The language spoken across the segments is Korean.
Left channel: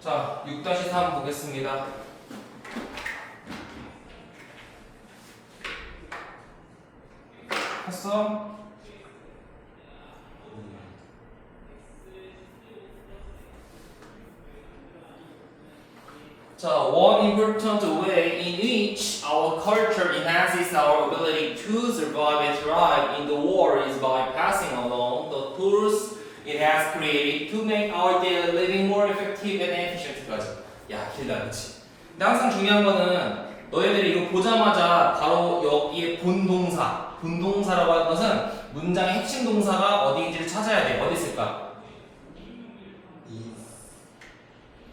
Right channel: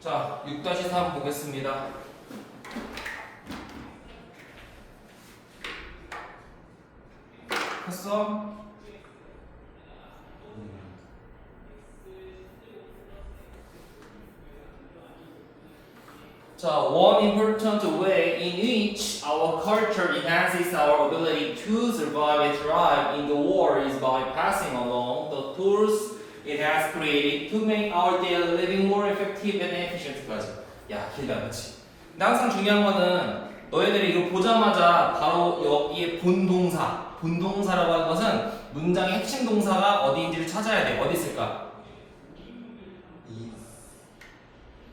자, 6-3 보겠습니다. 했어? 자, one important way in which our culture enhances our ability to survive and thrive in the world is by passing along the tools it has created to make our daily living more effective and efficient. 야, 길다, 그치? 근데 항상 중요한 거는 너희들이 이거 보자마자 바로 여기에 본동사라고 하는 것은 문장의 핵심 동사가 어디인지를 찾아야 돼. 어디 있을까?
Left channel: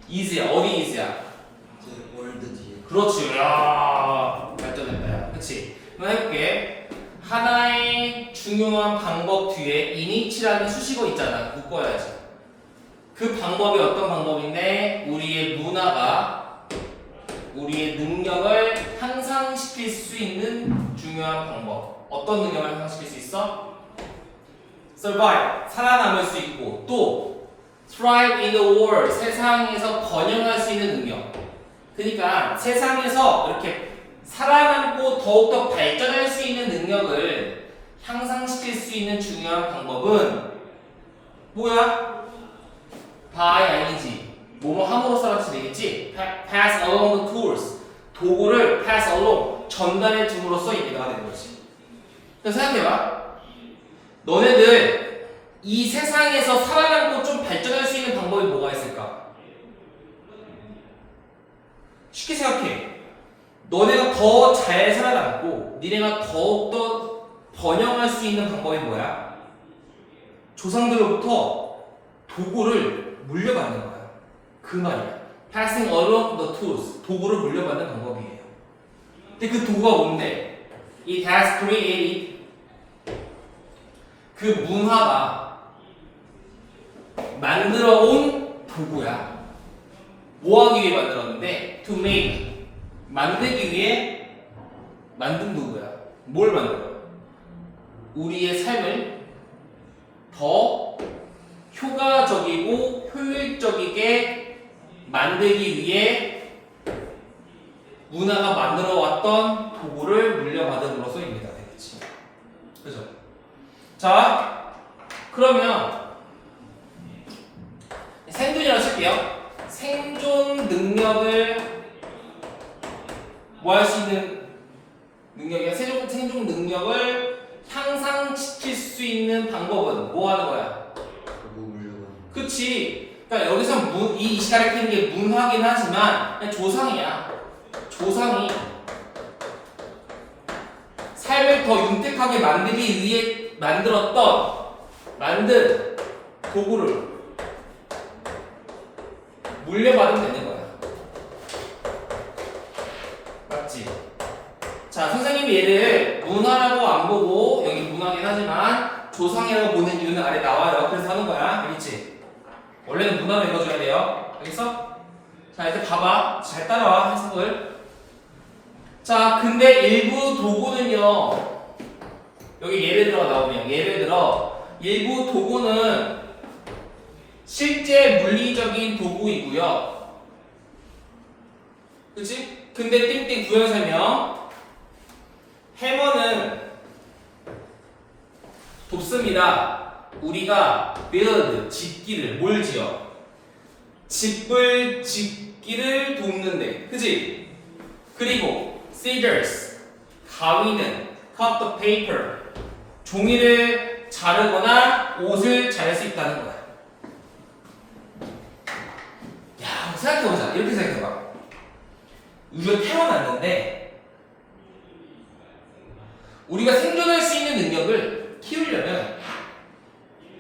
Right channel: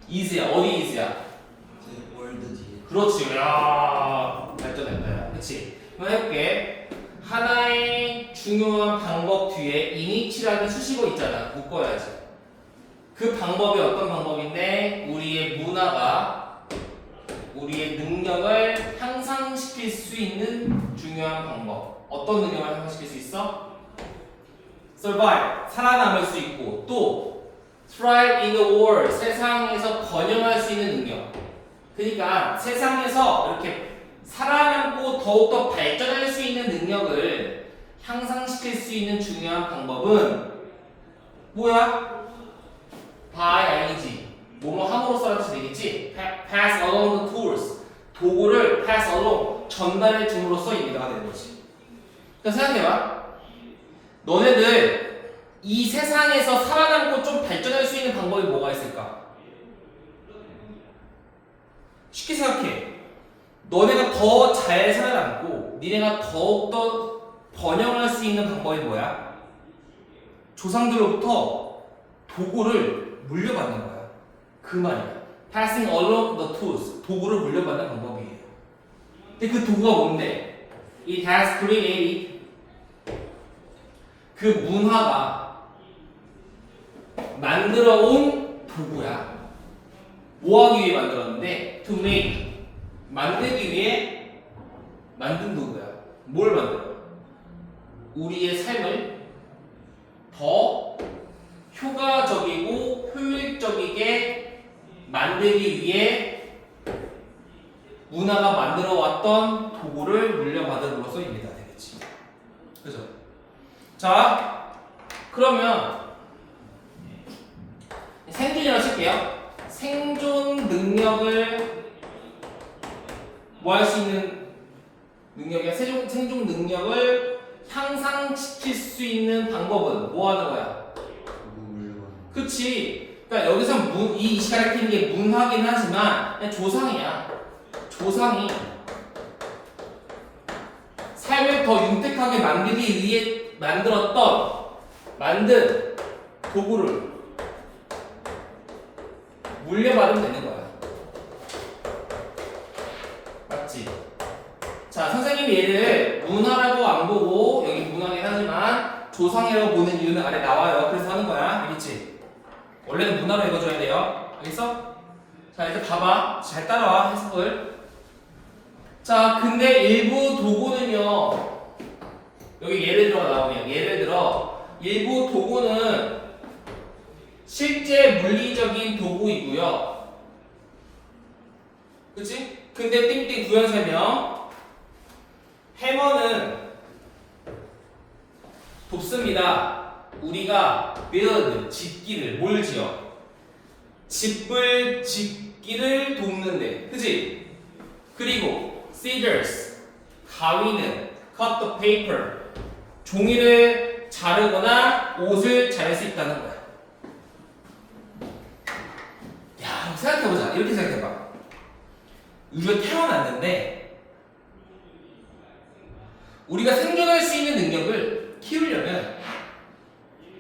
is야. 어디 is야? 월드지. 그렇지. 야, 발전했다. 야. 그치? 그럼 해볼게. 하나의 중요한 방법 뒤에 init이라는 수식어 있잖아. 묶어야지. 그 방법이 어떤 방법인데 우리의 문화가 우리의 능력을 향상시킬 수 있는 중요한 방법. 어떤 능력을 향상시킬 수 있어? survive, 살아남을 수 있고 또 thrive in the world, 세상에서 번영할 수 있는 능력. 그러니까 세상에서 이렇게 살아남고 더욱더 발전할 수 있는 능력을 향상시킬 수 있는 중요한 방법은 뭐야? by ing 뭐뭐 함으로써 되겠지? pass along the tools 도구를 pass along 전달해 줌으로써입니다 되는 거지. 그래서 생각해봐. 너네들 이 세상에서 살아남고 좀 발전할 수 있는 방법이 뭐가 있을까? 쉽게 생각해. 너네가 더 잘 살아남고 니네가 더욱더 번영할 수 있는 방법이 뭐야? 조상들로부터 도구를 물려받는 거야. 그 말이야. Passing along the tools. 도구를 물려받는 방법이에요. 근데 그 도구가 뭔데? It has created. 그 문화가 만들어 온 도구야. 뭐 하기 위해 만들었는데? To make. 만들기 위해 만든 도구야. 뭘 만들어? 우리의 삶을 더 효과적이고 효율적이게 만들기 위해 문화가 만들어 왔던 도구를 물려받음으로써입니다. 되겠지. 그죠? 자, 그러면 생존이라고 칠게요. 생존 능력을 뭐 할 수 있는 능력이야? 생존 능력을 향상시킬 수 있는 방법은 뭐 하는 거야? 그치? 그러니까 여기서 이 가리키는 게 문화긴 하지만 그냥 조상이야. 조상이 삶을 더 윤택하게 만들기 위해 만든 도구를 물려받으면 되는 거야. 맞지? 자, 선생님이 얘를 문화라고 안 보고 여기 문화긴 하지만 조상이라고 보는 이유는 아래 나와요. 그래서 하는 거야. 알겠지? 원래는 문화로 읽어줘야 돼요. 알겠어? 자, 이제 봐봐. 잘 따라와, 해석을. 자, 근데 일부 도구는요. 여기 예를 들어가 나오네요. 예를 들어 일부 도구는 실제 물리적인 도구이고요. 그치? 근데 띵띵 구현 설명. 해머는 돕습니다. 우리가 build, 짓기를 뭘 지어? 집을 짓기를 돕는데, 그치? 그리고 scissors, 가위는 cut the paper, 종이를 자르거나 옷을 잘 수 있다는 거야. 야, 생각해보자. 이렇게 생각해봐. 우리가 태어났는데 우리가 생존할 수 있는 능력을 키우려면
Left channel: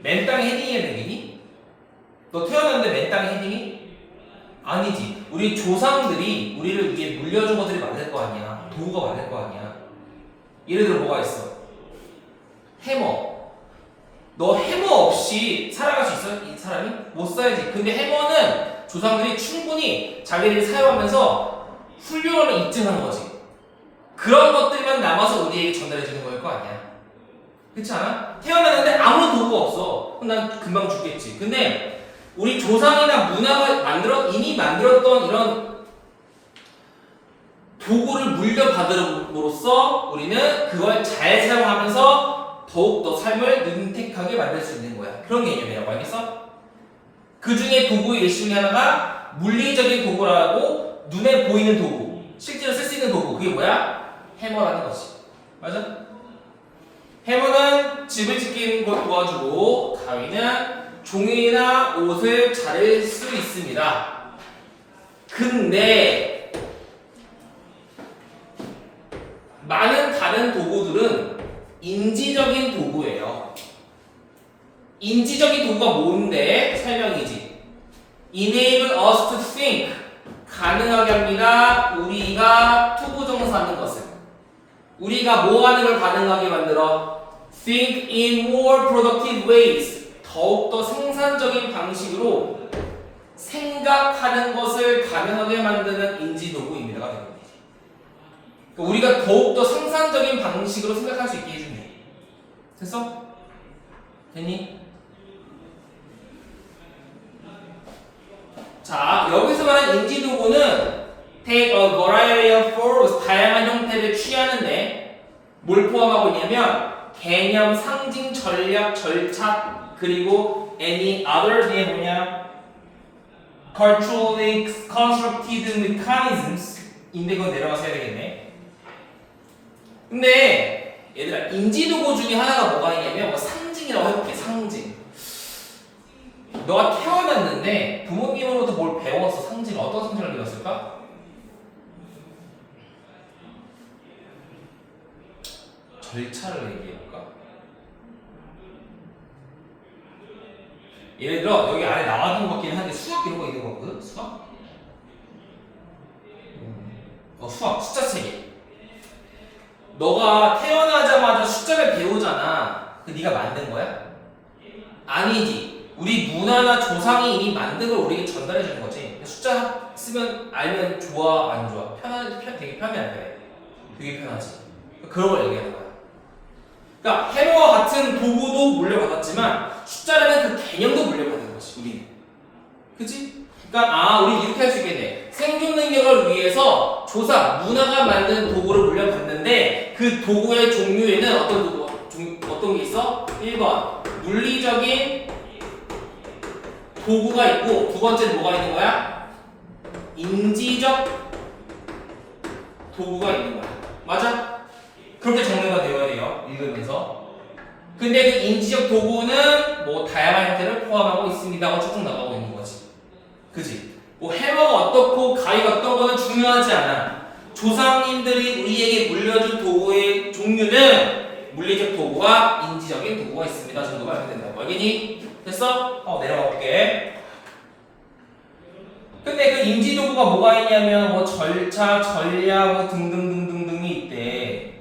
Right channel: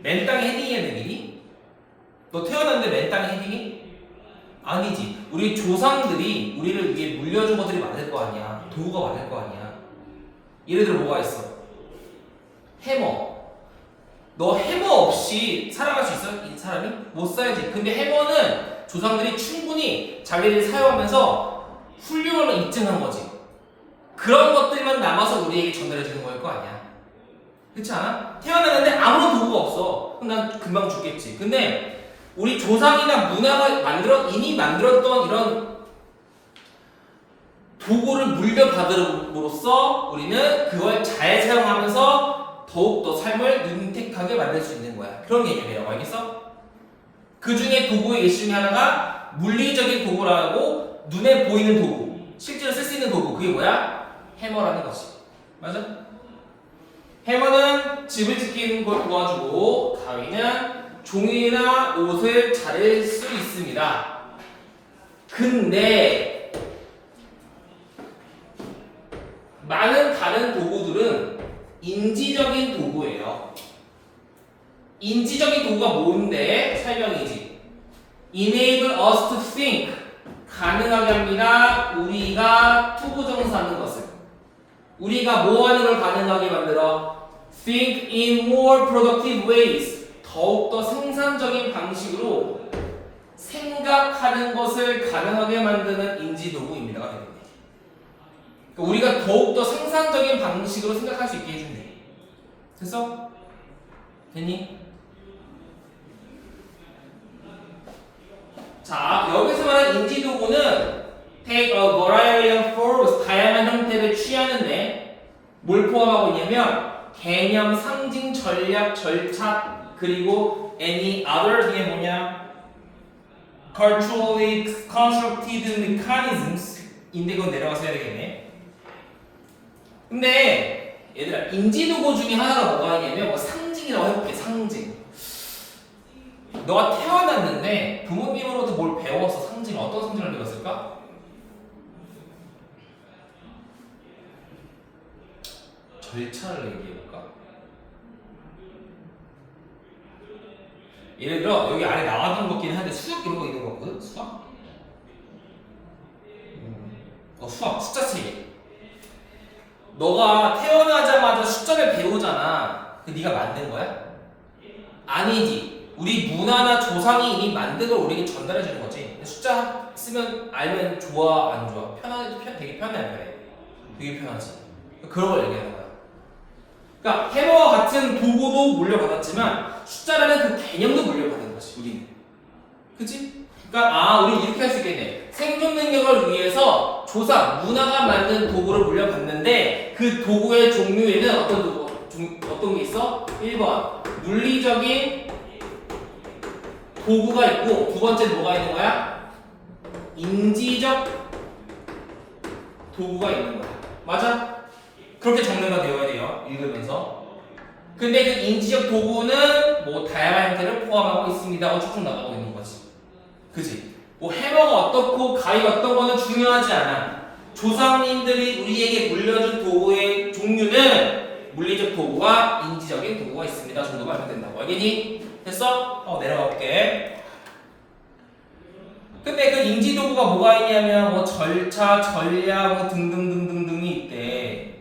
맨 땅에 헤딩해야 되겠니? 너 태어났는데 맨 땅에 헤딩이? 아니지. 우리 조상들이 우리를 위해 물려준 것들이 많을 거 아니야. 도구가 많을 거 아니야. 예를 들어 뭐가 있어? 해머. 너 해머 없이 살아갈 수 있어? 이 사람이? 못 살지. 근데 해머는 조상들이 충분히 자기들이 사용하면서 훌륭함을 입증한 거지. 그런 것들만 남아서 우리에게 전달해주는 거일 거 아니야. 그렇지 않아? 태어났는데 아무런 도구가 없어. 그럼 난 금방 죽겠지. 근데 우리 조상이나 문화가 이미 만들었던 이런 도구를 물려받음으로써 우리는 그걸 잘 사용하면서 더욱더 삶을 윤택하게 만들 수 있는 거야. 그런 개념이라고 알겠어? 그 중에 도구의 예시 중에 하나가 물리적인 도구라고 눈에 보이는 도구, 실제로 쓸 수 있는 도구, 그게 뭐야? 해머라는 거지. 맞아? 해머는 집을 짓는 걸 도와주고 가위는 종이나 옷을 자를 수 있습니다. 근데 많은 다른 도구들은 인지적인 도구예요. 인지적인 도구가 뭔데? 설명이지. Enable us to think. 가능하게 합니다. 우리가 투부정사하는 것을. 우리가 뭐 하는 걸 가능하게 만들어? Think in more productive ways. 더욱더 생산적인 방식으로 생각하는 것을 가능하게 만드는 인지도구입니다가 됩니다. 그러니까 우리가 더욱더 생산적인 방식으로 생각할 수 있게 해주네. 됐어? 됐니? 자, 여기서 말한 인지도구는 take a variety of forms, 다양한 형태를 취하는데 뭘 포함하고 있냐면 개념, 상징, 전략, 절차, 그리고 any other 뒤에 뭐냐? culturally constructed mechanisms 인데 그건 내려가서 해야 되겠네. 근데 얘들아 인지도구 중에 하나가 뭐가 있냐면 뭐 상징이라고 해볼게. 상징. 너가 태어났는데 부모님으로부터 뭘 배웠어? 상징. 어떤 상징을 배웠을까? 절차를 얘기해볼까? 예를 들어 여기 안에 나와준 거긴 한데 수학 이런 거 있는 거거든? 수학? 수학 숫자 체계. 너가 태어나자마자 숫자를 배우잖아. 그 네가 만든 거야? 아니지. 우리 문화나 조상이 이미 만든 걸 우리에게 전달해 주는 거지. 숫자 쓰면 알면 좋아 안 좋아? 되게 편해 안 돼? 되게 편하지. 그런 걸 얘기하는 거야. 그러니까 해머와 같은 도구도 물려받았지만 숫자라는 그 개념도 물려받은 거지 우리는. 그치? 그러니까 우리 이렇게 할 수 있겠네. 생존 능력을 위해서 조상, 문화가 만든 도구를 물려받는데 그 도구의 종류에는 어떤 도구, 어떤 게 있어? 1번 물리적인 도구가 있고 두 번째는 뭐가 있는 거야? 인지적 도구가 있는 거야. 맞아? 그렇게 정리가 되어야 돼요. 읽으면서. 근데 그 인지적 도구는 뭐 다양한 형태를 포함하고 있습니다 하고 쭉쭉 나가고 있는 거지. 그지? 뭐 해머가 어떻고 가위가 어떤 거는 중요하지 않아. 조상님들이 우리에게 물려준 도구의 종류는 물리적 도구와 인지적인 도구가 있습니다 정도만 하면 된다고. 알겠니? 됐어? 내려가 볼게. 근데 그 인지 도구가 뭐가 있냐면 뭐 절차, 전략 뭐 등등등등등이 있대.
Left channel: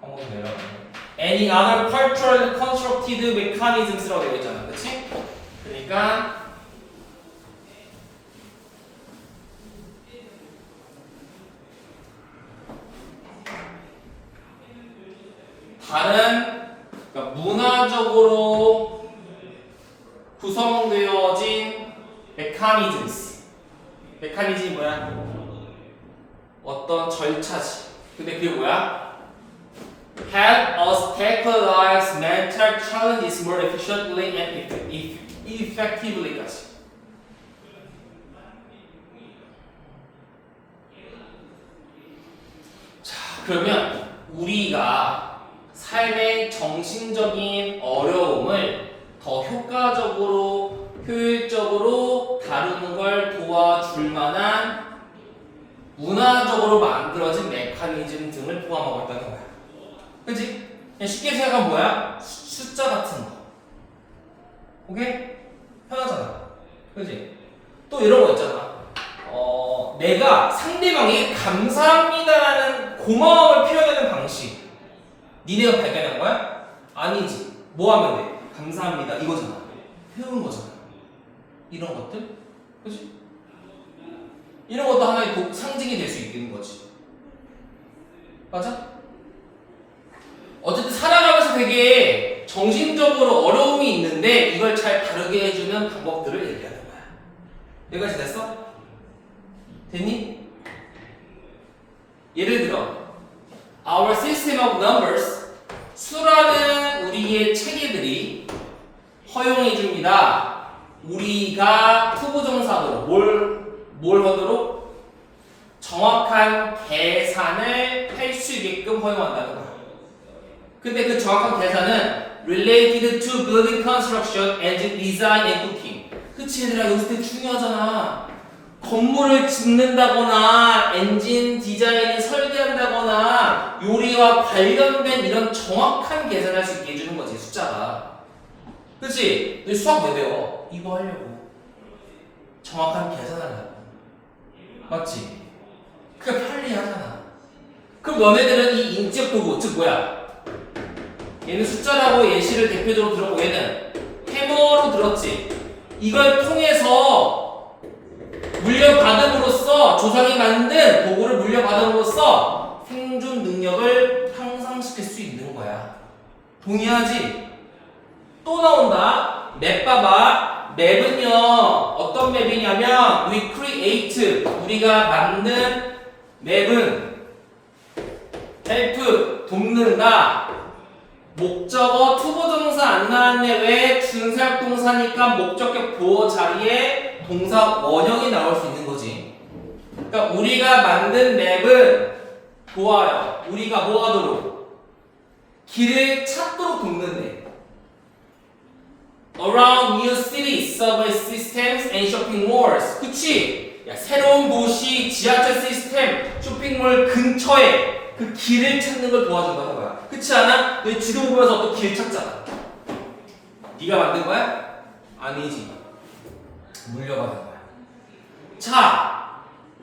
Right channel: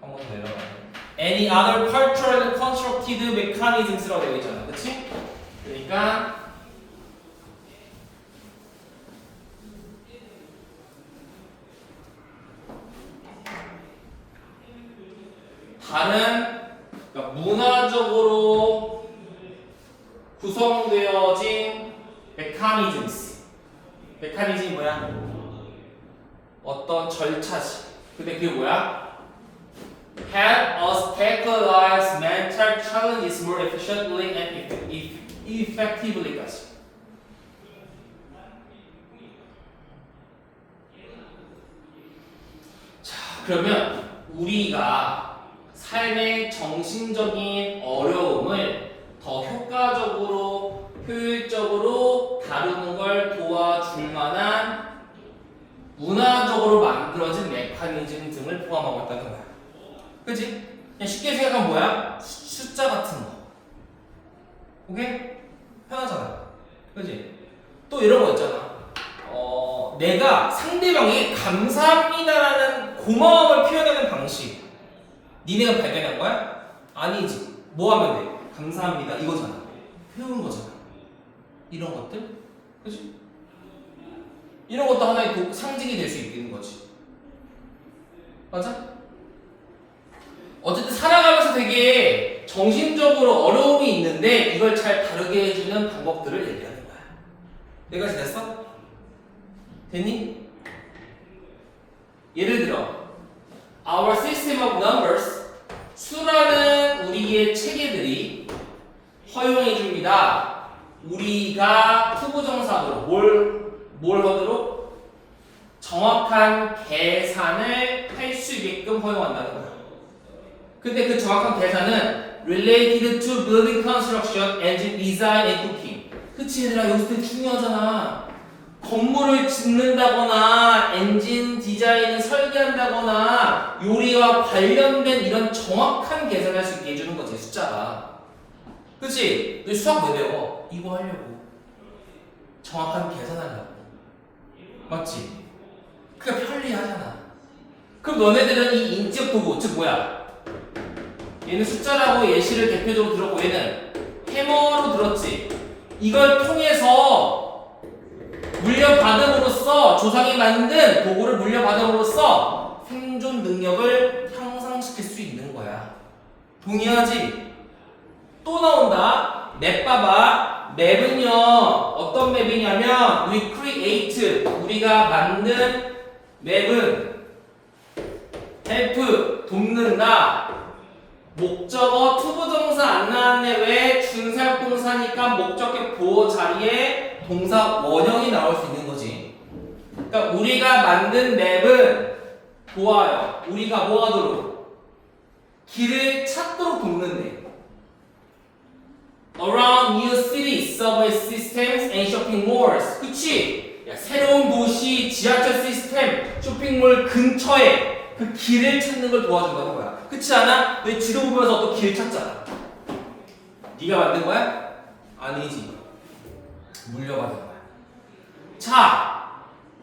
한번 내려가. Any other cultural constructed mechanisms라고 되어 있잖아, 그렇지? 그러니까 다른 그러니까 문화적으로 구성되어진 메커니즘이 뭐야? 어떤 절차지. 근데 그게 뭐야? Help us tackle life's mental challenges more efficiently and effectively까지. 자, 그러면 우리가 삶의 정신적인 어려움을 더 효과적으로, 효율적으로 다루는 걸 도와줄 만한 문화적으로 만들어진 메커니즘 등을 포함하고 있다는 거야. 그치? 그냥 쉽게 생각하면 뭐야? 숫자 같은 거. 오케이? 편하잖아. 그치? 또 이런 거 있잖아. 내가 상대방이 감사합니다라는 고마움을 표현하는 방식. 니네가 발견한 거야? 아니지. 뭐 하면 돼? 감사합니다. 이거잖아. 배운 거잖아. 이런 것들? 그치? 이런 것도 하나의 상징이 될 수 있는 거지. 맞아? 어쨌든 살아가면서 되게 정신적으로 어려움이 있는데 이걸 잘 다루게 해주는 방법들을 얘기하는 거야. 여기까지 됐어? 됐니? 예를 들어 Our system of numbers 수라는 우리의 체계들이 허용해 줍니다. 우리가 투부정사로 뭘 하도록 정확한 계산을 할 수 있게끔 허용한다는 거야. 근데 그 정확한 계산은 related to building construction, engine design and cooking. 그치 얘들아 여기서 되게 중요하잖아. 건물을 짓는다거나 엔진 디자인을 설계한다거나 요리와 관련된 이런 정확한 계산을 할 수 있게 해주는 거지 숫자가. 그치? 너 수학 왜 배워? 이거 하려고. 정확한 계산하려고. 맞지? 그게 편리하잖아. 그럼 너네들은 이 인적 도구 즉 뭐야? 얘는 숫자라고 예시를 대표적으로 들었고 얘는 해머로 들었지. 이걸 통해서 물려받음으로써 조상이 만든 도구를 물려받음으로써 생존 능력을 향상시킬 수 있는 거야. 동의하지? 또 나온다. 맵 봐봐. 맵은요 어떤 맵이냐면 we create 우리가 만든 맵은 help 돕는다. 목적어 투부정사 안 나왔네. 왜? 준사역동사니까 목적격 보호 자리에 동사 원형이 나올 수 있는 거지. 그러니까 우리가 만든 맵은 도와요. 우리가 뭐 하도록? 길을 찾도록 돕는데. Around new cities, subway systems and shopping malls. 그치? 야, 새로운 도시, 지하철 시스템, 쇼핑몰 근처에 그 길을 찾는 걸 도와준다는 거야. 그렇지 않아? 너 지도 보면서 어떤 길 찾잖아. 네가 만든 거야? 아니지. 물려받은 거야. 자,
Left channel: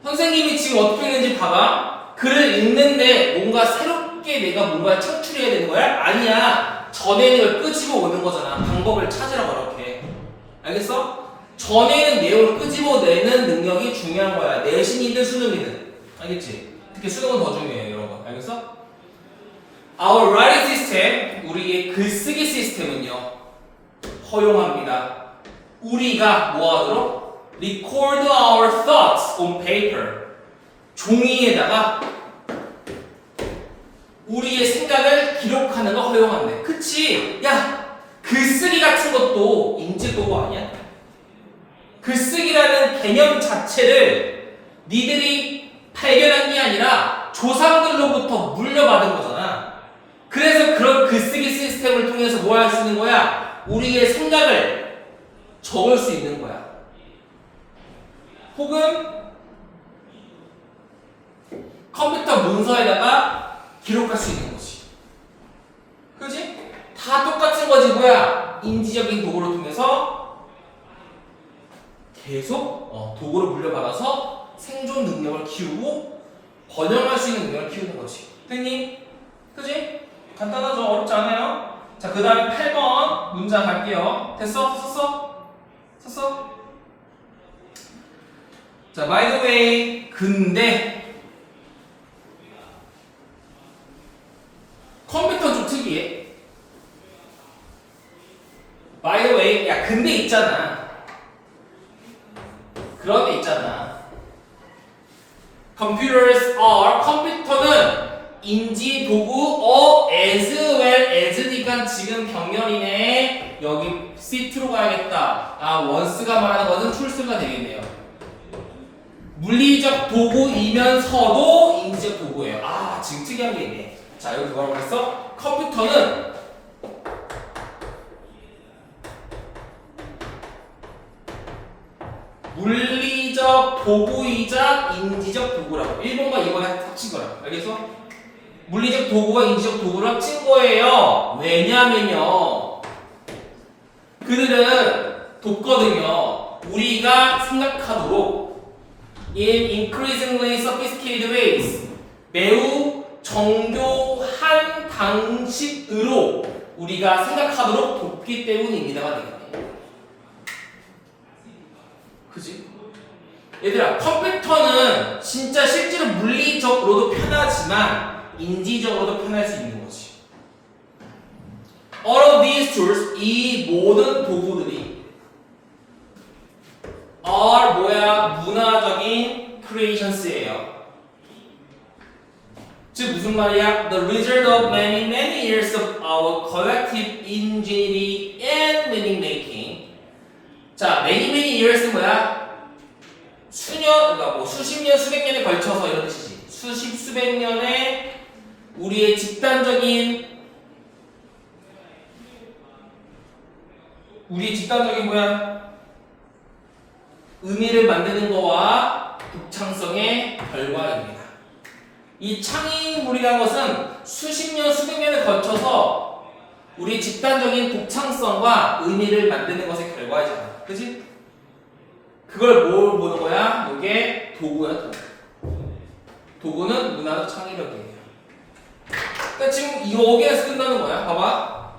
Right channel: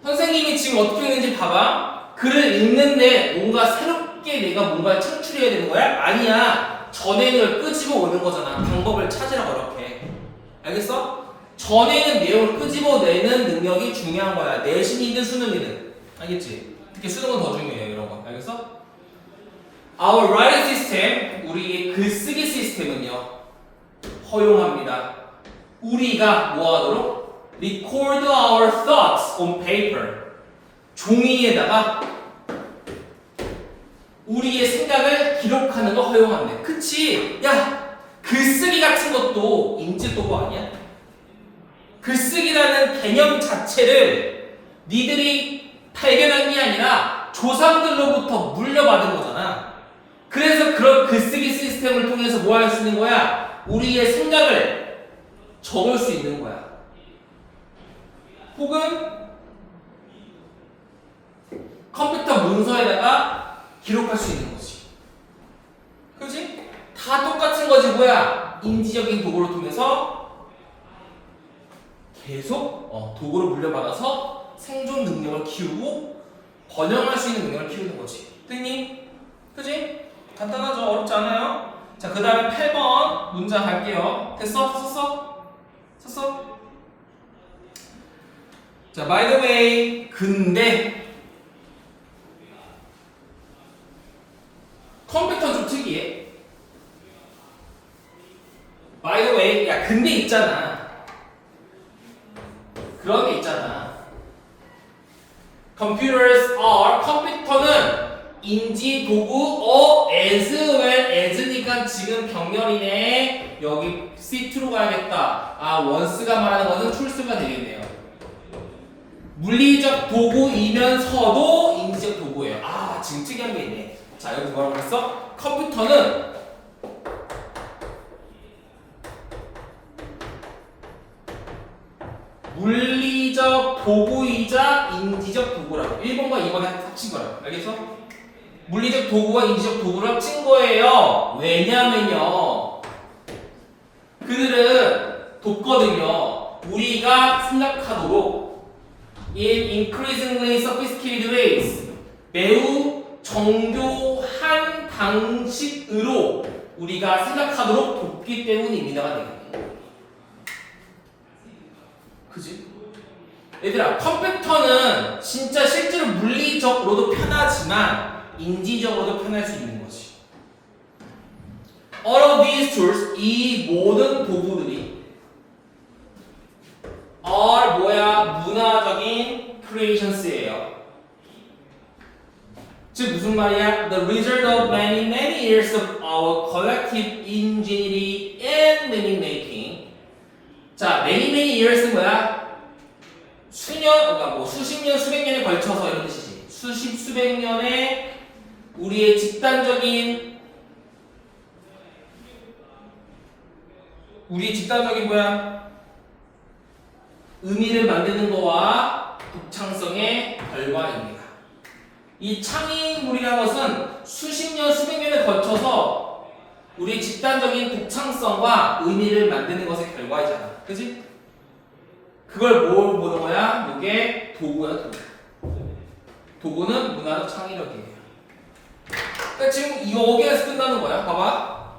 선생님이 지금 어떻게 했는지 봐봐. 글을 읽는데 뭔가 새롭게 내가 뭔가를 창출해야 되는 거야? 아니야. 전에 있는 걸 끄집어 오는 거잖아. 방법을 찾으라고 이렇게. 알겠어? 전에 있는 내용을 끄집어 내는 능력이 중요한 거야. 내신이든 수능이든. 알겠지? 특히 수능은 더 중요해 이런 거. 알겠어? Our writing system, 우리의 글쓰기 시스템은요 허용합니다. 우리가 뭐하도록? Record our thoughts on paper. 종이에다가 우리의 생각을 기록하는 거 허용한대. 그치? 야, 글쓰기 같은 것도 인지도구 아니야? 글쓰기라는 개념 자체를 니들이 발견한 게 아니라 조상들로부터 물려받은 거잖아. 그래서 그런 글쓰기 시스템을 통해서 뭐 할 수 있는 거야? 우리의 생각을 적을 수 있는 거야. 혹은 컴퓨터 문서에다가 기록할 수 있는 거지. 그지? 다 똑같은 거지 뭐야? 인지적인 도구를 통해서 계속 도구를 물려받아서 생존 능력을 키우고 번영할 수 있는 능력을 키우는 거지. 됐니? 그지? 간단하죠? 어렵지 않아요? 자, 그 다음에 8번 문장 갈게요. 됐어? 썼어? 썼어? 자, by the way, 근데 컴퓨터 좀 특이해. by the way, 야, 근데 있잖아. 그런 데 있잖아. Computers are, 컴퓨터는 인지 도구 as well as니까 지금 병렬이네. 여기 ct로 가야겠다. 아, once가 말하는 것은 tools가 되겠네요. 물리적 도구이면서도 인지적 도구예요. 아, 지금 특이한 게 있네. 자, 여기 뭐라고 했어? 컴퓨터는 물리적 도구이자 인지적 도구라고. 1번과 2번에 합친 거라고. 알겠어? 물리적 도구와 인지적 도구를 합친 거예요. 왜냐면요, 그들은 돕거든요. 우리가 생각하도록 in increasingly sophisticated ways, 매우 정교한 방식으로 우리가 생각하도록 돕기 때문입니다가 되겠네. 그지? 얘들아, 컴퓨터는 진짜 실제로 물리적으로도 편하지만 인지적으로도 편할 수 있는 거지. all of these tools, 이 모든 도구들이 are 뭐야? 문화적인 creations예요. 즉 무슨 말이야? The result of many years of our collective ingenuity and meaning making. 자, many years는 뭐야? 그러니까 뭐 수십 년, 수백 년에 걸쳐서 이런 뜻이지. 수백 년의 우리의 집단적인 뭐야? 의미를 만드는 거와 독창성의 결과입니다. 이 창의물이라는 것은 수십 년, 수백 년에 걸쳐서 우리 집단적인 독창성과 의미를 만드는 것의 결과이잖아. 그치? 그걸 뭘 보는 거야? 이게 도구야, 도구. 도구는 문화적 창의력이에요. 그러니까 지금 여기에서 끝나는 거야. 봐봐.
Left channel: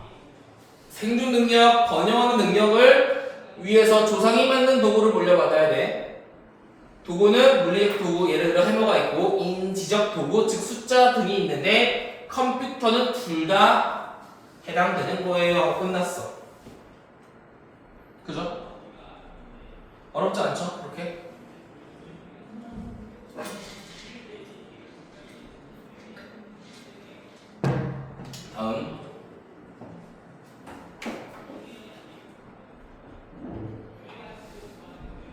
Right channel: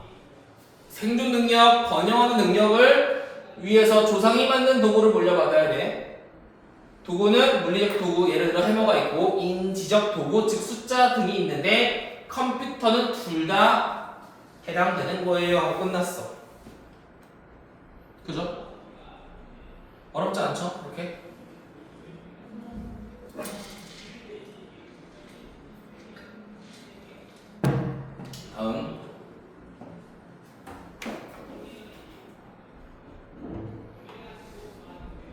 생존 능력, 번영하는 능력을 위해서 조상이 만든 도구를 물려받아야 돼. 도구는 물리적 도구, 예를 들어 해머가 있고 인지적 도구, 즉 숫자 등이 있는데 컴퓨터는 둘 다 해당되는 거예요 하고 끝났어. 그죠? 어렵지 않죠? 그렇게? 다음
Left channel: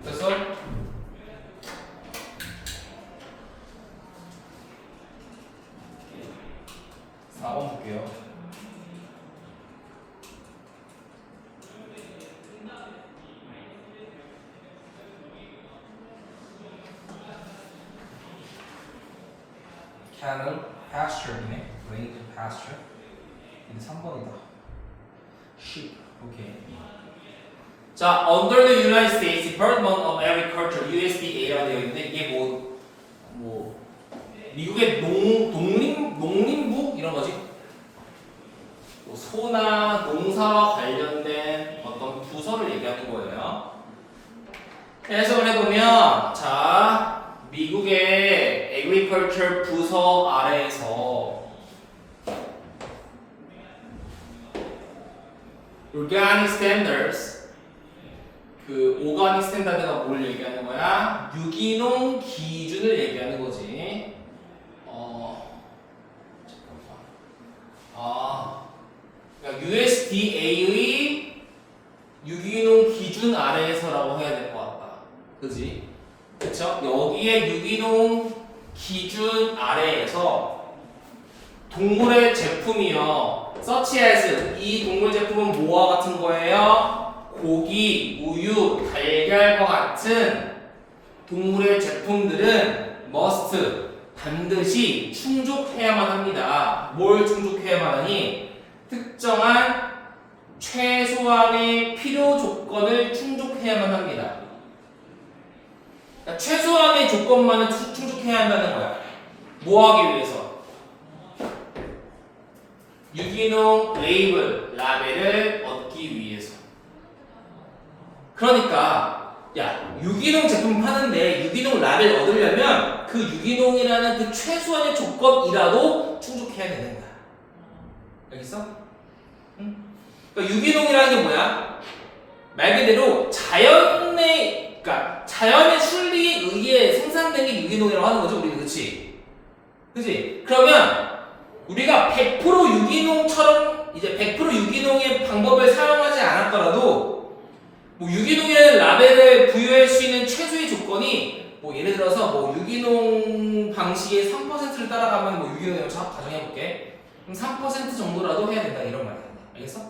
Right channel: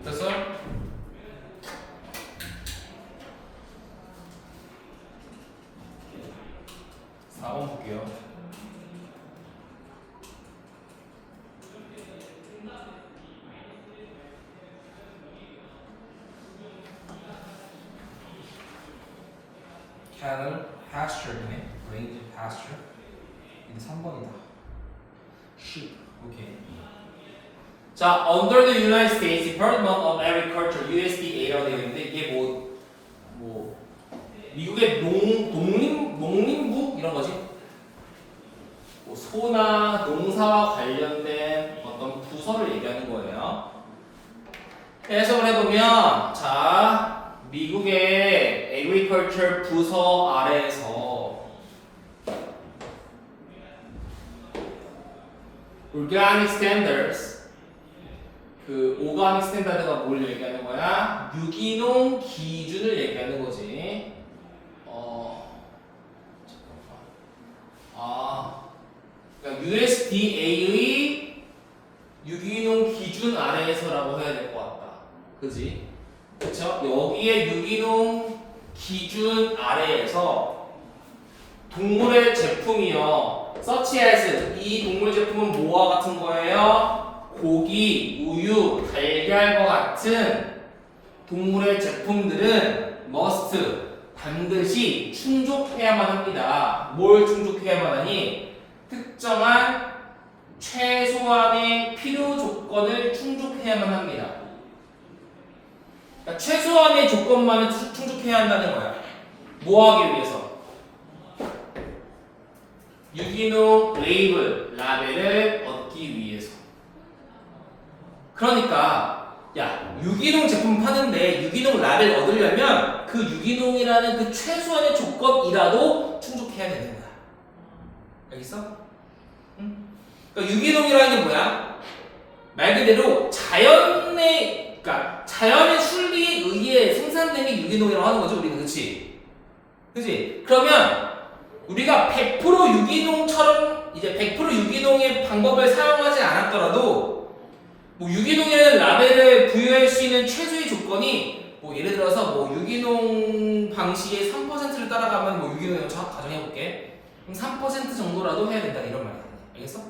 됐어? 4번 볼게요. cattle pasture네. going to pasture. 이게 3번이다. sheep. 오케이. 자, under the United States Department of Agriculture (USDA라고 되어 있는데 이게 뭐 미국의 농림부 이런 거지. 뭐 소나 농사와 관련된 어떤 부서를 얘기하는 거예요. 해석을 해보면 자, 미국의 Agriculture 부서 아래에서 Organic Standards 그 오가닉 스탠다드가 뭘 얘기하는 거야? 유기농 기준을 얘기하는 거지. 그러니까 USDA의 유기농 기준 아래에서라고 해야 될 것 같다. 그지? 그쵸? 여기에 유기농 기준 아래에서 동물의 제품이요. such as 이 동물 제품은 뭐와 같은 거예요? 고기, 우유, 달걀과 같은 동물의 제품들은 must 반드시 충족해야만 합니다. 뭘 충족해야만 하니? 특정한 최소한의 필요 조건을 충족해야만 합니다. 그러니까 최소한의 조건만을 충족해야 한다는 거야. 뭐 하기 위해서? 유기농 라벨을 얻기 위해서. 그러니까 야, 유기농 제품 파는데 유기농 라벨 얻으려면 그 유기농이라는 그 최소한의 조건이라도 충족해야 되는 거야. 알겠어? 응? 그러니까 유기농이라는 게 뭐야? 말 그대로 그러니까 자연의 순리에 의해 생산된 게 유기농이라고 하는 거죠, 우리는. 그치? 그치? 그러면 우리가 100% 유기농처럼 이제 100% 유기농의 방법을 사용하지 않았더라도 뭐 유기농이라는 라벨을 부여할 수 있는 최소의 조건이 뭐 예를 들어서 뭐 유기농 방식의 3%를 따라가면 뭐 유기농이라고 가정해볼게. 그럼 3% 정도라도 해야 된다 이런 말이야. 알겠어?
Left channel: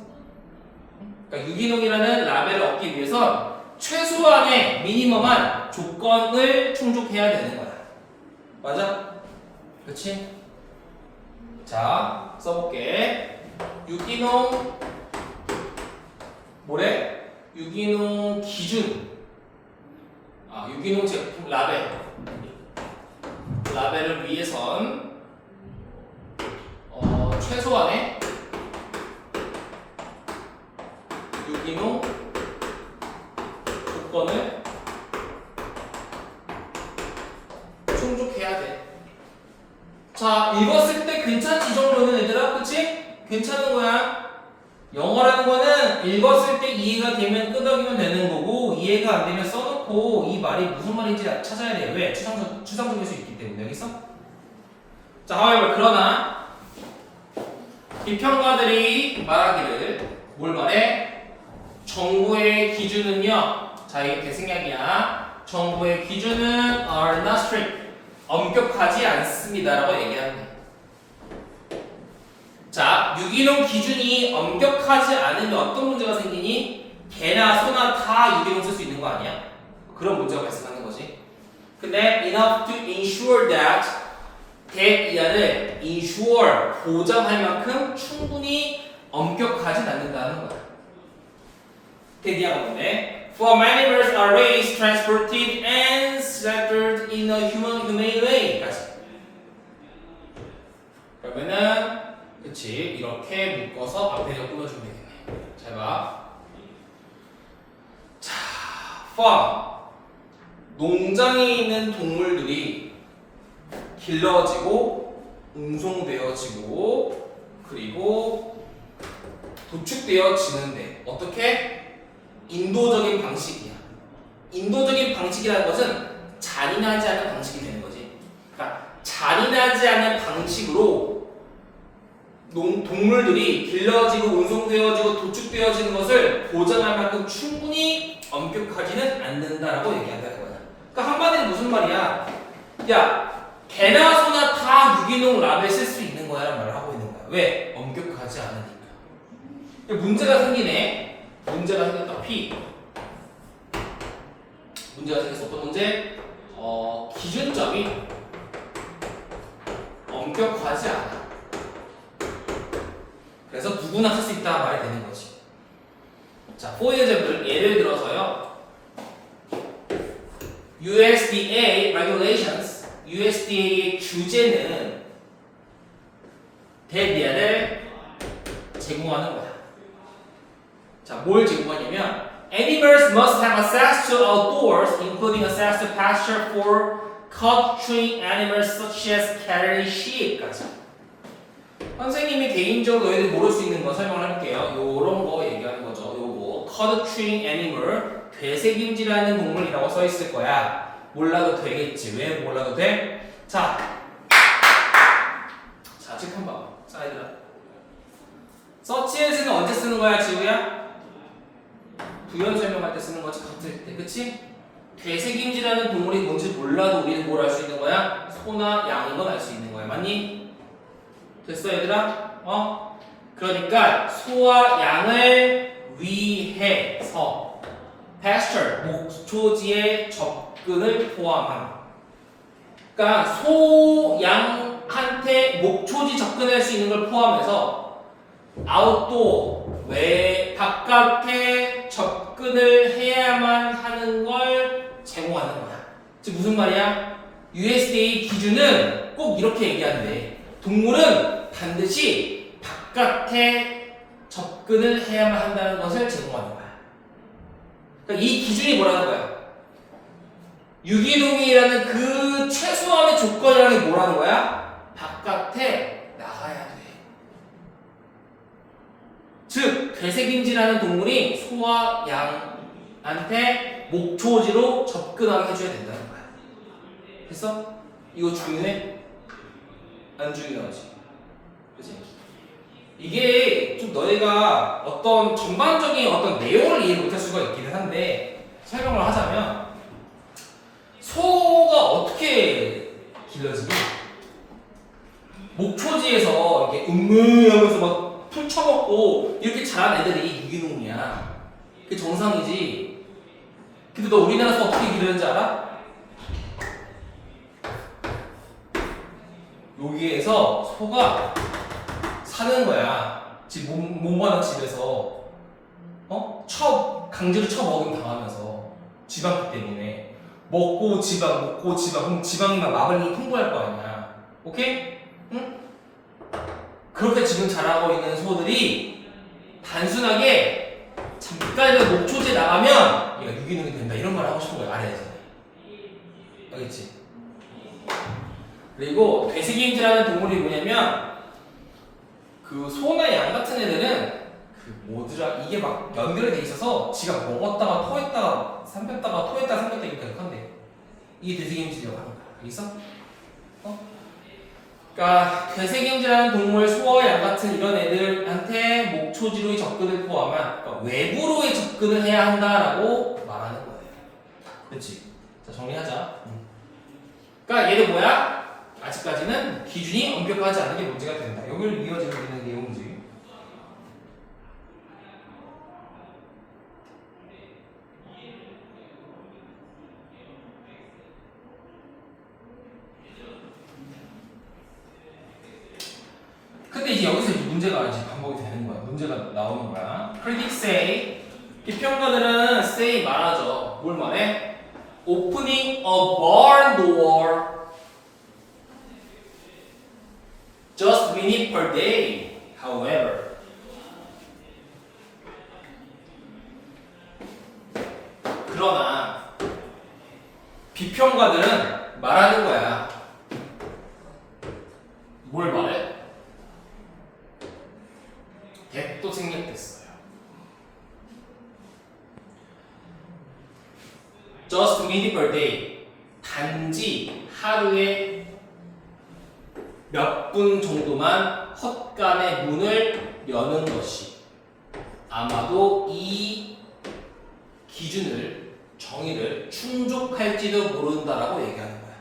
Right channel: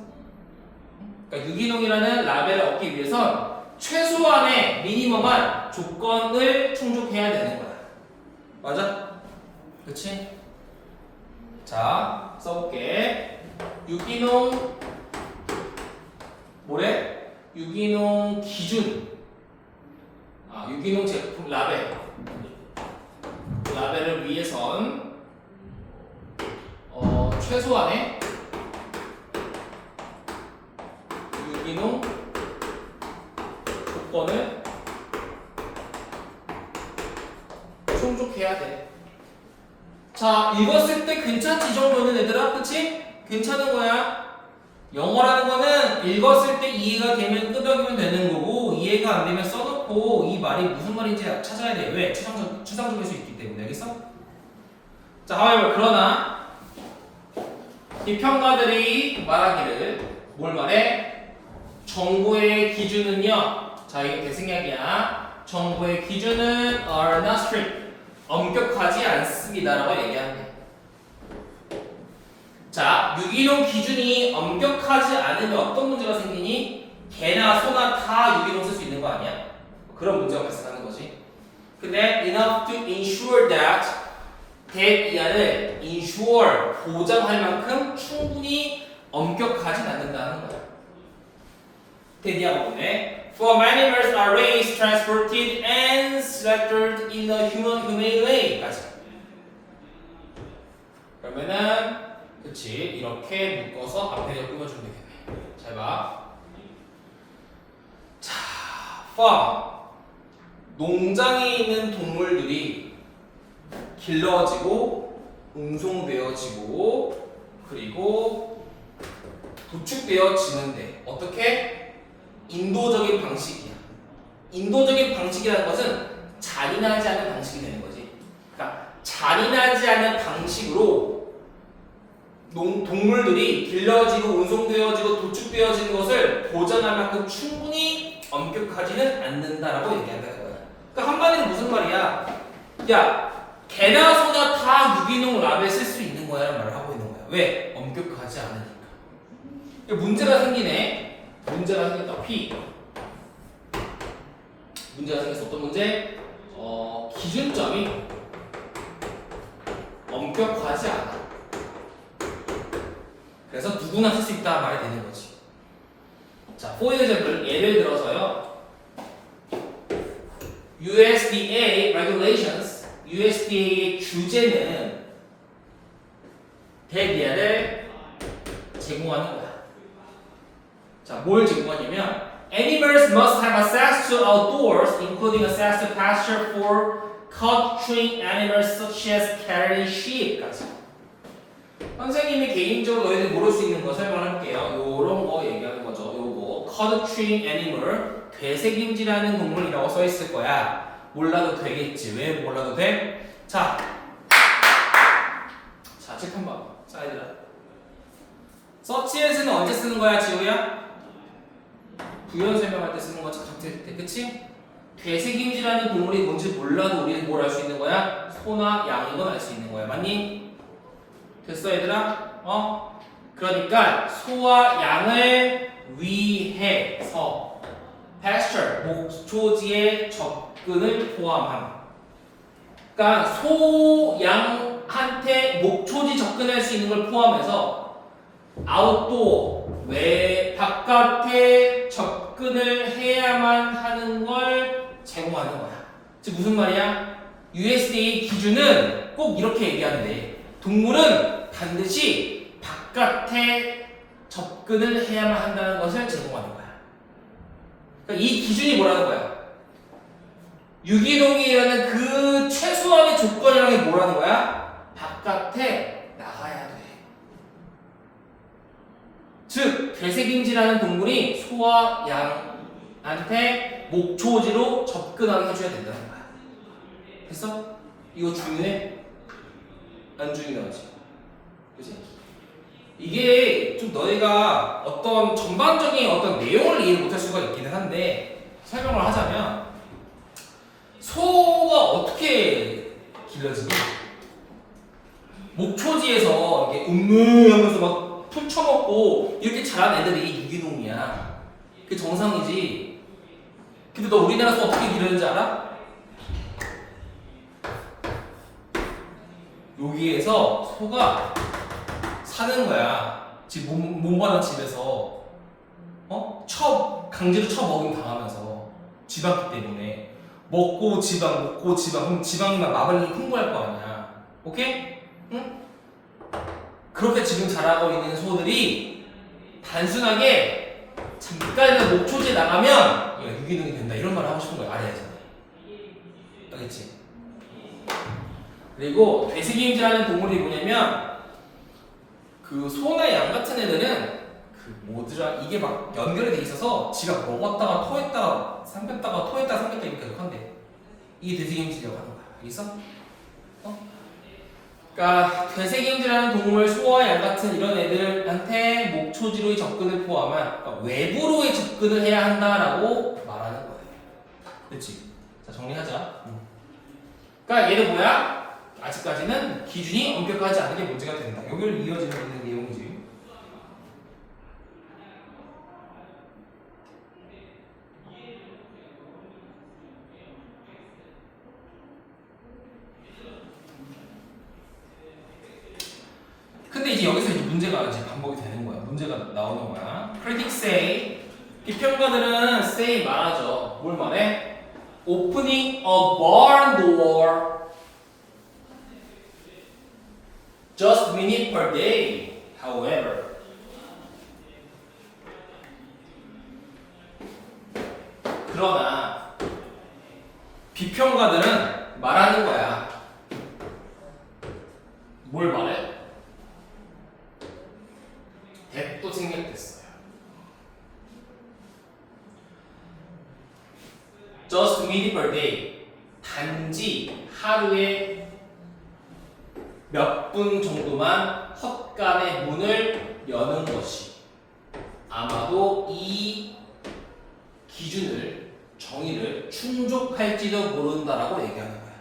그러니까 유기농이라는 라벨을 얻기 위해선 최소한의 미니멈한 조건을 충족해야 되는 거야. 맞아? 그렇지? 자, 써볼게. 유기농 뭐래? 유기농 기준. 유기농 제품 라벨을 위해선 최소한의 유기농 조건을 충족해야 돼. 자, 읽었을 때 괜찮지 이 정도는 얘들아? 그치? 괜찮은 거야? 영어라는 거는 읽었을 때 이해가 되면 끄덕이면 되는 거고 이해가 안 되면 써놓고 이 말이 무슨 말인지 찾아야 돼요. 왜? 추상적일 수 있기 때문에. 알겠어? 자, however, 그러나 비평가들이 말하기를 뭘 말해? 정보의 기준은요. 자, 이게 대승약이야. 정보의 기준은 are not strict. 엄격하지 않습니다라고 얘기하는 자, 유기농 기준이 엄격하지 않으면 어떤 문제가 생기니? 개나 소나 다 유기농 쓸 수 있는 거 아니야? 그런 문제가 발생하는 거지. 근데 enough to ensure that 대이하를 ensure 보장할 만큼 충분히 엄격하진 않는다는 거야. 대디하가 뭔데? For many birds are raised, transported, and slaughtered in a humane way. 까지. 그러면은 그치 이렇게 묶어서 앞에 꾸며주면 돼. 잘 봐. 자, farm 농장에 있는 동물들이 길러지고 운송되어지고 그리고 도축되어지는데 어떻게? 인도적인 방식이야. 인도적인 방식이라는 것은 잔인하지 않은 방식이 되는 거지. 그러니까 잔인하지 않은 방식으로 동물들이 길러지고 운송되어지고 도축되어지는 것을 보장할 만큼 충분히 엄격하지는 않는다라고 얘기한다는 거야. 그러니까 한마디로 무슨 말이야? 야, 개나 소나 다 유기농 라벨 쓸 수 있는 거야 라는 말을 하고 있는 거야. 왜? 엄격하지 않으니까. 문제가 생기네. 문제가 생겼다. P. 문제가 생겼어. 어떤 문제? 기준점이 엄격하지 않아. 그래서 누구나 쓸 수 있다 말이 되는 거지. 자, for example, 예를 들어서요. USDA regulations, USDA의 규제는 대비아를 제공하는 거야. 자, 뭘 제공하냐면 animals must have access to outdoors, including access to pasture for caught-trained animals such as cattle and sheep까지. 선생님이 개인적으로 너희들 모를 수 있는 거 설명할게요. 요런 거 얘기하는 거죠. 요거 caught-trained animal, 되새김질하는 동물이라고 써 있을 거야. 몰라도 되겠지. 왜 몰라도 돼? 자, 책 한번 봐봐. 자, 얘들아. 서치에서는 언제 쓰는 거야, 지우야? 부연 설명할 때 쓰는 거지, 같을 때, 그치? 되새김질하는 동물이 뭔지 몰라도 우리는 뭘 알 수 있는 거야? 소나 양인 건 알 수 있는 거야. 맞니? 됐어, 얘들아? 그러니까 소와 양을 위해서 pasture, 목초지의 접근을 포함한. 그러니까 소, 양한테 목초지 접근할 수 있는 걸 포함해서 아웃도어, 바깥에 접근을 해야만 하는 걸 제공하는 거야. 즉 무슨 말이야? USDA 기준은 꼭 이렇게 얘기하는데 동물은 반드시 바깥에 접근을 해야만 한다는 것을 제공하는 거야. 그러니까 이 기준이 뭐라는 거야? 유기농이라는 그 최소한의 조건이라는 게 뭐라는 거야? 바깥에 나가야 돼. 즉, 되새김질하는 동물이 소와 양한테 목초지로 접근하게 해줘야 된다는 거야. 됐어? 이거 중요해? 안 중요하지? 그치? 이게 좀 너네가 어떤 전반적인 어떤 내용을 이해 못할 수가 있기는 한데 설명을 하자면 소가 어떻게 길러지니? 목초지에서 이렇게 하면서 막 풀 쳐먹고 이렇게 자란 애들이 유기농이야. 그게 정상이지. 근데 너 우리나라 소 어떻게 기르는지 알아? 여기에서 소가 사는 거야. 집 몸만한 집에서 강제로 먹임 당하면서 지방기 때문에 먹고 지방 그럼 지방이 막 마블링이 풍부할 거 아니야. 오케이? 응? 그렇게 지금 자라고 있는 소들이 단순하게 잠깐이라도 목초지에 나가면 얘가 유기농이 된다 이런 말 하고 싶은 거야. 아래에서. 알겠지? 그리고 되새김질하는 동물이 뭐냐면 그 소나 양 같은 애들은 뭐더라 이게 막 연결이 돼 있어서 지가 먹었다가 토했다가 삼켰다가 토했다가 삼켰다 이렇게 한대. 이게 되새김질이라고 하는 거야. 알겠어? 그러니까 되새김질하는 동물, 소와 양 같은 이런 애들한테 목초지로의 접근을 포함한 그러니까 외부로의 접근을 해야 한다라고 말하는 거예요. 그렇지? 자 정리하자. 그러니까 얘는 뭐야? 아직까지는 기준이 엄격하지 않은 게 문제가 된다. 여기를 이어지고 있는 내용이지. 근데 이제 여기서 이제 문제가 이제 반복이 되는 거야. 문제가 나오는 거야. Critics say 비평가들은 say 말하죠. 뭘 말해? Opening a barn door just a minute per day. However, 그러나 비평가들은 말하는 거야. 뭘 말해? 또 생략됐어요. Just a minute per day. 단지 하루에 몇 분 정도만 헛간의 문을 여는 것이 아마도 이 기준을 정의를 충족할지도 모른다라고 얘기하는 거야.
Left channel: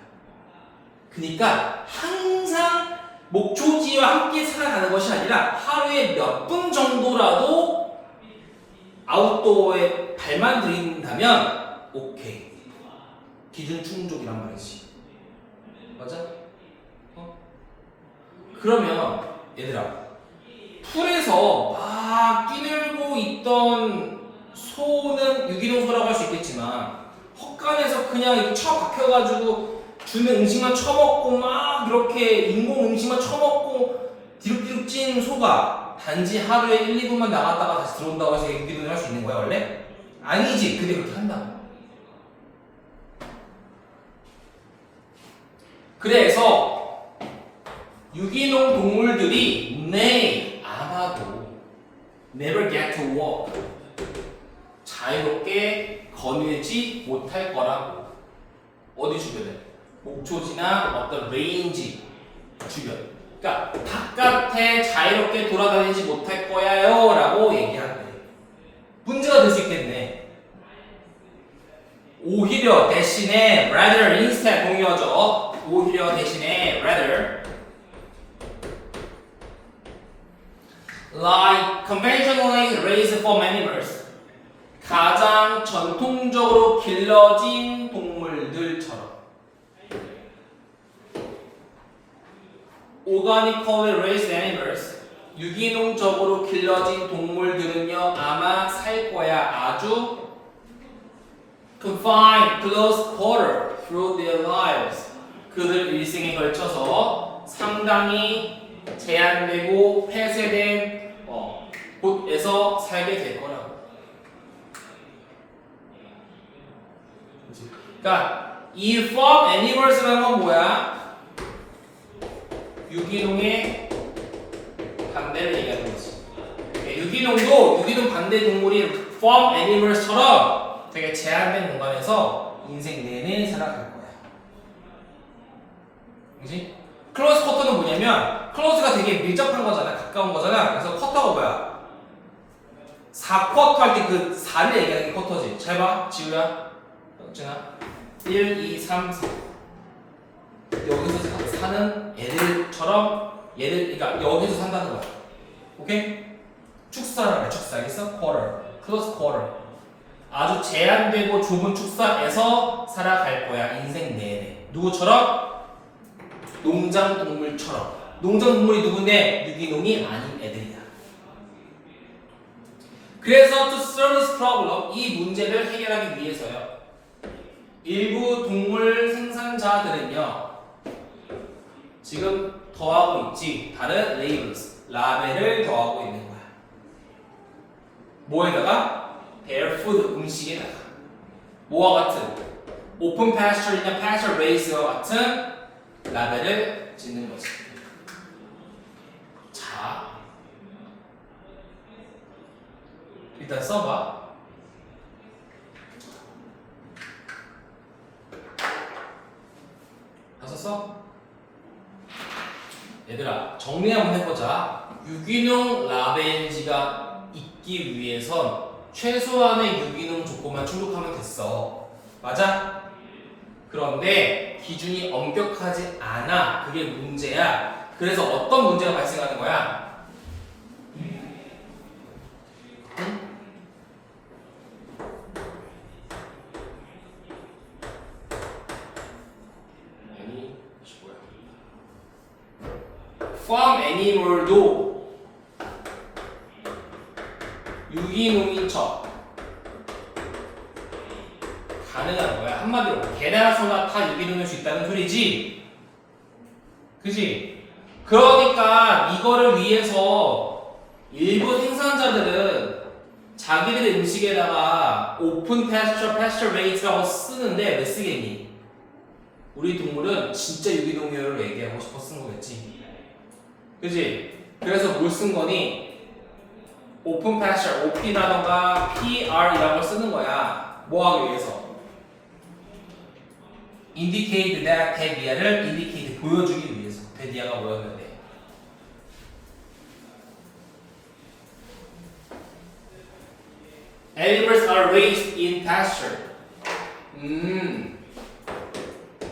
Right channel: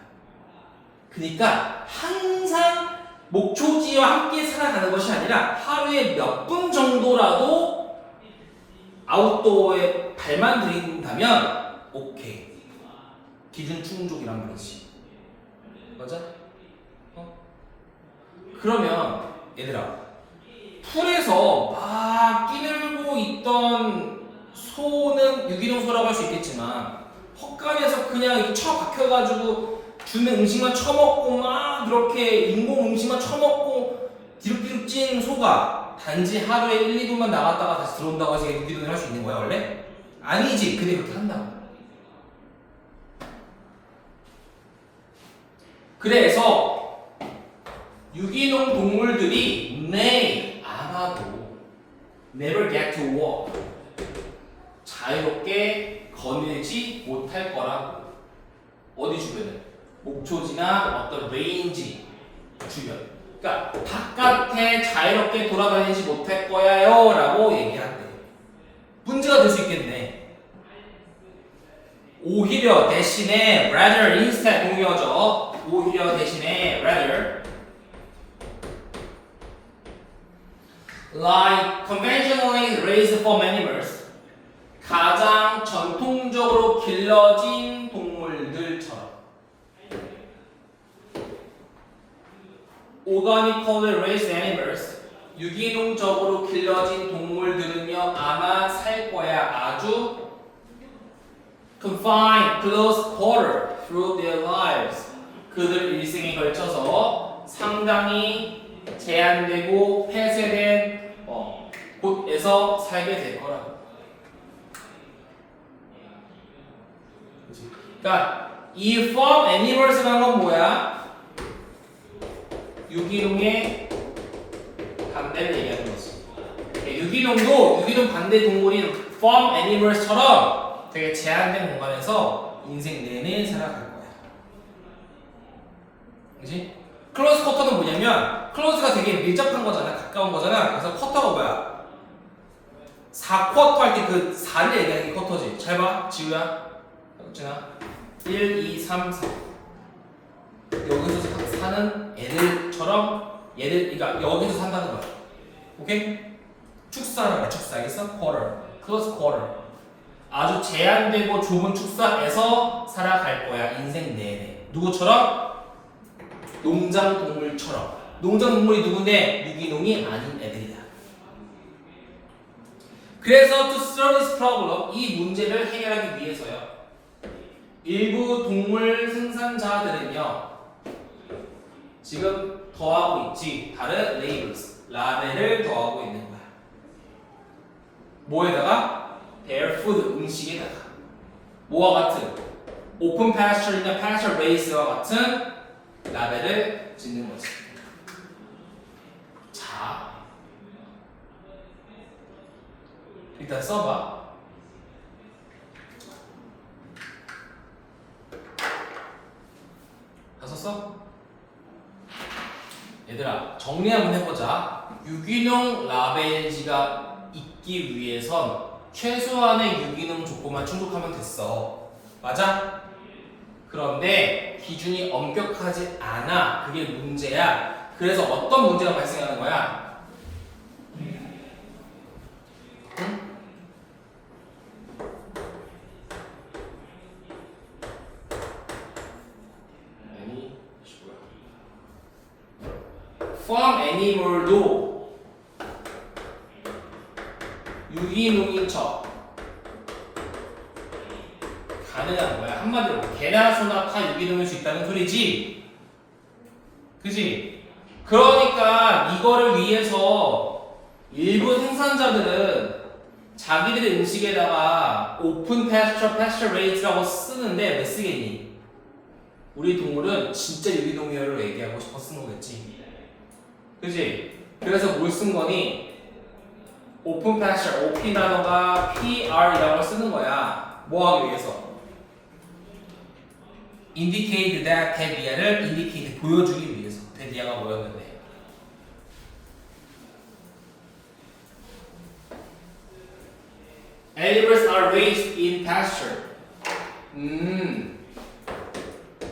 그러니까 항상 목초지와 함께 살아가는 것이 아니라 하루에 몇 분 정도라도 아웃도어에 발만 들인다면 오케이. 기준 충족이란 말이지. 맞아? 그러면 얘들아 풀에서 막 끼늘고 있던 소는 유기농소라고 할 수 있겠지만 헛간에서 그냥 이렇게 처박혀가지고 주는 음식만 처먹고 막 이렇게 인공 음식만 처먹고 뒤룩뒤룩 찐 소가 단지 하루에 1, 2분만 나갔다가 다시 들어온다고 해서 유기농을 할 수 있는 거야 원래? 아니지. 근데 그렇게 한다고. 그래서 유기농 동물들이 아마도 never get to walk 자유롭게 거닐지 못할 거라고. 어디 주변에? 목초지나 어떤 레인지 주변. 그러니까 바깥에 자유롭게 돌아다니지 못할 거야요 라고 얘기하는 거예요. 문제가 될 수 있겠네. 오히려 대신에 rather instead 공유하죠. 오히려 대신에 rather like conventionally raised farm animals 가장 전통적으로 길러진 동물들처럼 organically raised animals 유기농적으로 길러진 동물들은요 아마 살 거야 아주 confined, close quarter through their lives 그들 일생에 걸쳐서 상당히 제한되고 폐쇄된 곳에서 살게 될 거라고. 그러니까 이 farm animals라는 건 뭐야? 유기농의 반대를 얘기하는 거지. 유기농도 유기농 반대 동물이 farm animals처럼 되게 제한된 공간에서 인생 내내 살아갈 거야. 그렇지? 클로즈 쿼터는 뭐냐면 클로즈가 되게 밀접한 거잖아. 가까운 거잖아. 그래서 쿼터가 뭐야? 4쿼터 할 때 그 4를 얘기하는 게 쿼터지. 잘 봐. 지우야. 진아. 1, 2, 3, 4. 여기서 사는 애들처럼 그러니까 여기서 산다는 거야. 오케이? 축사라는 거야. 축사. 알겠어? 쿼터. 클로즈 쿼터. 아주 제한되고 좁은 축사에서 살아갈 거야. 인생 내내. 누구처럼? 농장 동물처럼. 농장 동물이 누군데? 유기농이 아닌 애들이다. 그래서 to solve this problem 이 문제를 해결하기 위해서요. 일부 동물 생산자들은요. 지금 더하고 있지. 다른 labels, 라벨을 더하고 있는 거야. 뭐에다가? their food, 음식에다가. 뭐와 같은? open pasture이나 pasture raised와 같은 라벨을 짓는 거지. 자, 일단 써봐. 다 썼어? 얘들아 정리 한번 해보자. 유기농 라벨지가 있기 위해선 최소한의 유기농 조건만 충족하면 됐어. 맞아? 그런데 기준이 엄격하지 않아. 그게 문제야. 그래서 어떤 문제가 발생하는 거야? 응? farm animal도 유기농인 척 가능한 거야. 한마디로 개나 소나 다 유기농일 수 있다는 소리지. 그지? 그러니까 이거를 위해서 일부 생산자들은 자기들의 음식에다가 오픈 패스처 레이트라고 쓰는데 왜 쓰겠니? 우리 동물은 진짜 유기농이라고 얘기하고 싶어 쓴 거겠지. 그지? 그래서 뭘 쓴 거니? 오픈 패스처, OP라던가 PR이라고 쓰는 거야. 뭐 하기 위해서? indicate that 대디아를 indicate 보여주기 위해서. 대디아가 뭐였는데? Animals are raised in pasture.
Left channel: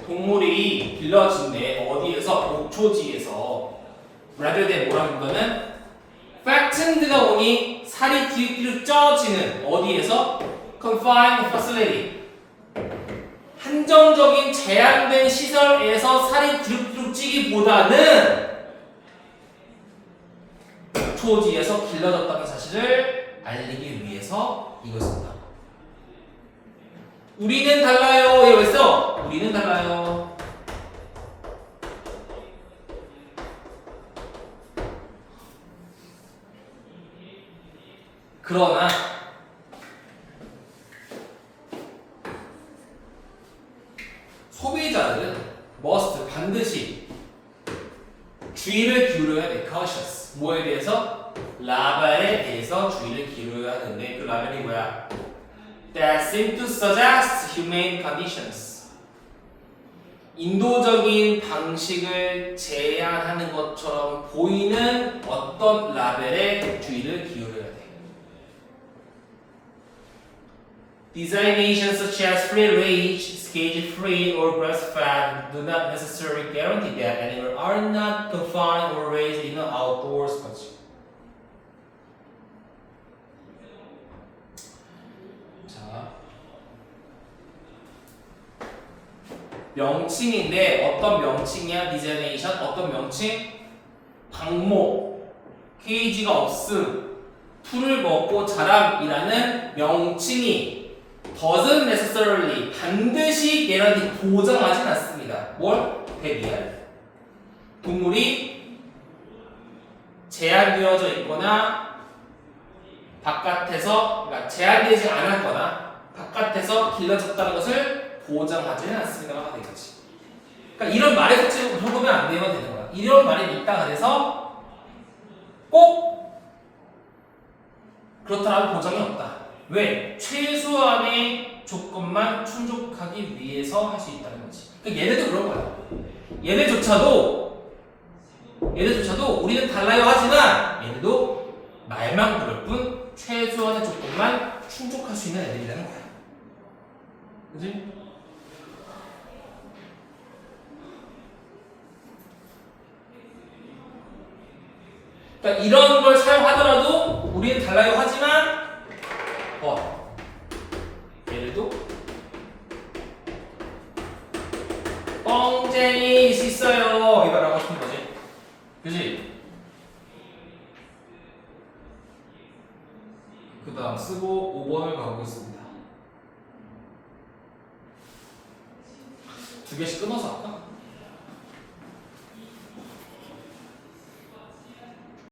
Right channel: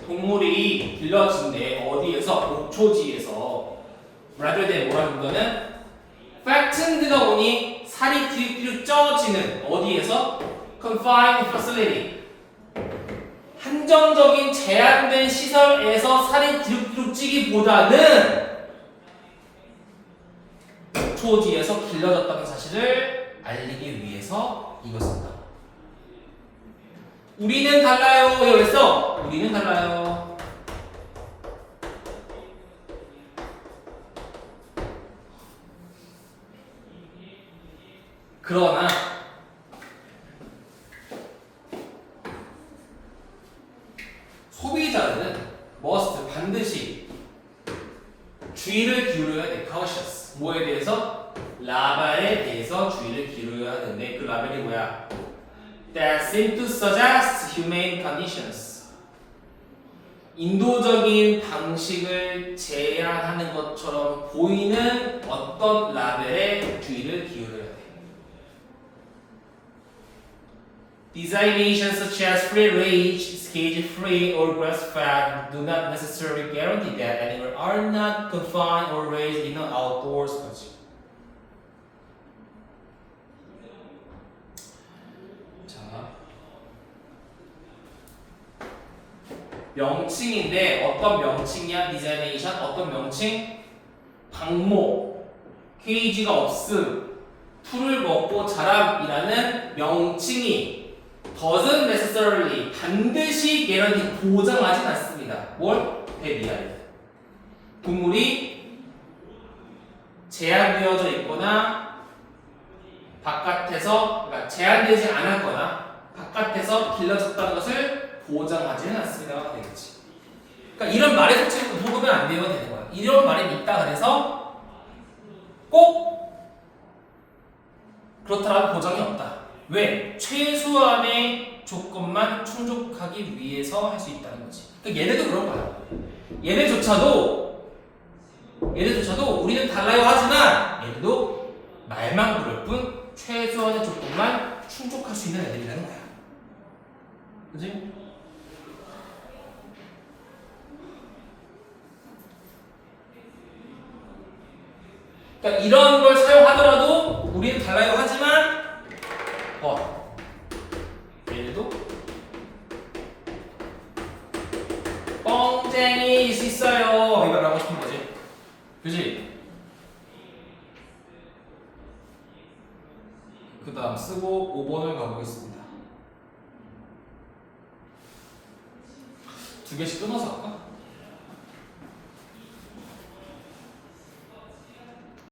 동물이 길러진대. 어디에서? 목초지에서. rather than 뭐라는 거는 fattened가 오니 살이 뒤로 쪄지는 어디에서? confined facility. 한정적인 제한된 시설에서 살이 뒤룩뒤룩 찌기보다는 초지에서 길러졌다는 사실을 알리기 위해서 이걸 쓴다. 우리는 달라요. 이거 왜 써? 우리는 달라요. 그러나 소비자들은 must 반드시 주의를 기울여야 돼. cautious. 뭐에 대해서? 라벨에 대해서 주의를 기울여야 되는데 그 라벨이 뭐야? That seem to suggest humane conditions. 인도적인 방식을 제한하는 것처럼 보이는 어떤 라벨에 주의를 기울여야 돼. Designations such as free range, cage free, or breastfed do not necessarily guarantee that animals are not confined or raised in an outdoors condition. 자, 명칭인데 어떤 명칭이야? designation 어떤 명칭? 방목, 케이지가 없음, 풀을 먹고 자람이라는 명칭이 doesn't necessarily 반드시 guarantee 보장하진 않습니다. 뭘? 대비할 동물이 제한되어져 있거나 바깥에서 그러니까 제한되지 않았거나 바깥에서 길러졌다는 것을 보장하지는 않습니다가 되겠지. 그러니까 이런 말의 속체를 물어보면 안 돼요 되는 거야. 이런 말이 있다 그래서 꼭 그렇다라는 보장이 없다. 왜? 최소한의 조건만 충족하기 위해서 할 수 있다는 거지. 그러니까 얘네도 그런 거야. 얘네조차도 우리는 달라요 하지만 얘네도 말만 그럴 뿐 최소한의 조건만 충족할 수 있는 애들이라는 거야. 그지? 그러니까 이런 걸 사용하더라도 우리는 달라요 하지만 얘들도 뻥쟁이일 수 있어요. 이걸 하고 싶은 거지. 그지? 그 다음 쓰고 5번을 가보겠습니다. 두 개씩 끊어서 할까?